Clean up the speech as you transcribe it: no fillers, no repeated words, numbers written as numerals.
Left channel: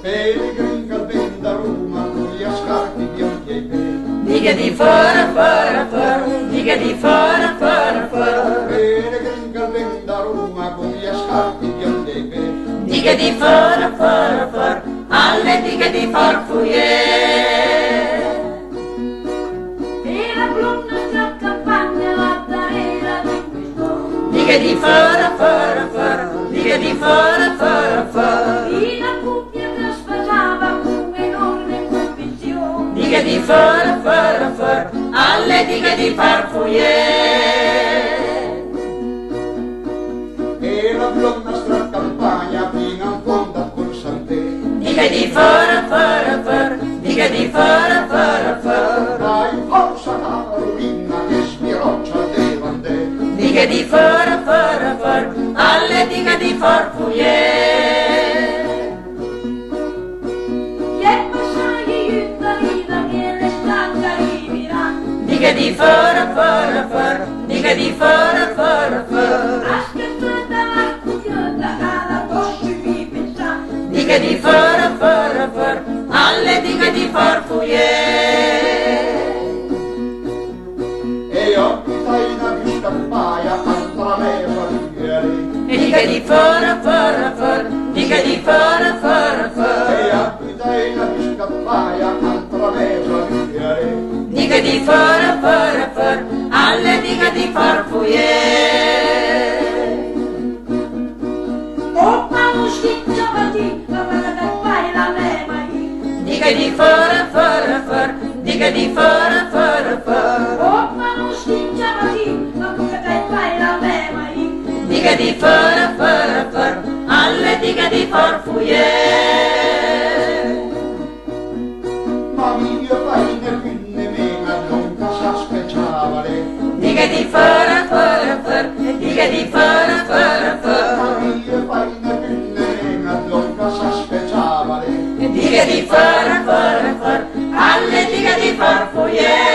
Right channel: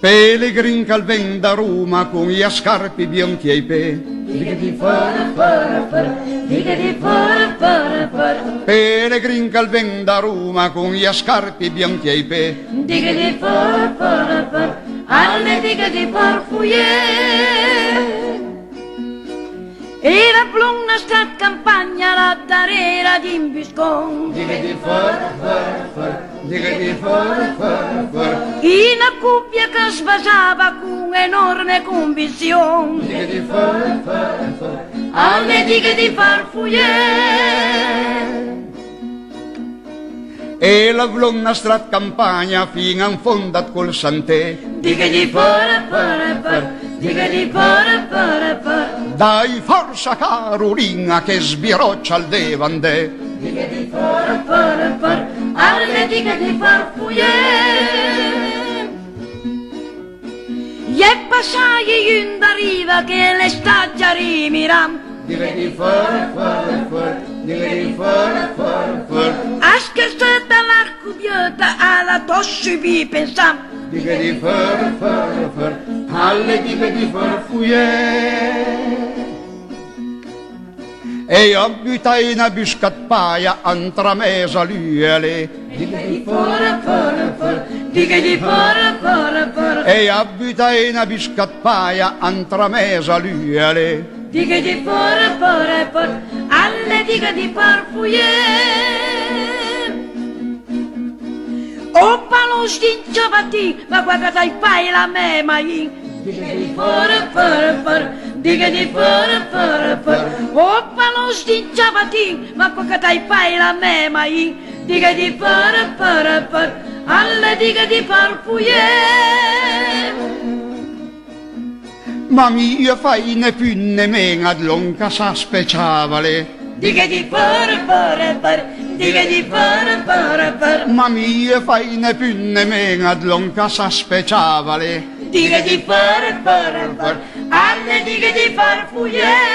Pellegrin che ven da Roma con gli scarpi bianchi ai piedi. Dica di fora, fora, fora, dica di fora, fora, fora. Pellegrin che ven da Roma con gli scarpi bianchi ai piedi. Dica di fora, fora, fora, alle dica di farfugliere. E la bluna sta campagna la darera di Imbiscon. Dica di fora, fora, fora, dica di fora, fora, fora. In una cuppia che svasava con enorme convinzione. Dica di fora, fora, fora, alle dica di farfugliere. E la blonna stracampagna fino in fondo col santè. Dica di fora, fora, fora, dica di fora, fora, fora. Dai forza Carolina che sbiroccia al devandè. Dica di fora, fora, fora, alle dica di farfugliere. E passai in da riva che l'estate rimirà. Dica di fora, fora, fora, dica di fora, fora, fora. A scherzata la cugliota alla tossi vi pensam. Dica di fora, fora, fora, alle dica di farfugliere. E abitai una biscappaia antra mesa liele. Dica di fora, fora, fora, dica di fora, fora, fora. E abitai una biscappaia antra mesa liele. Dica di fora, fora, fora, alle dica di farfugliere. O palo stingiavati, ma guarda dai pai la me mai. Dica di fora, fora, fora, dica di fora, fora, fora. O palo stingiavati, ma guarda dai pai la me mai. Dica di fora, fora, fora, alle dica di farfugliere. Ma mia fai ne più ne meno ad longa sa speciavale. Dica di fora, fora, fora, dica di fora, fora, fora. Ma mia fai ne più ne meno ad longa sa speciavale. Dica di fora, fora, fora, alle dica di farfugliere.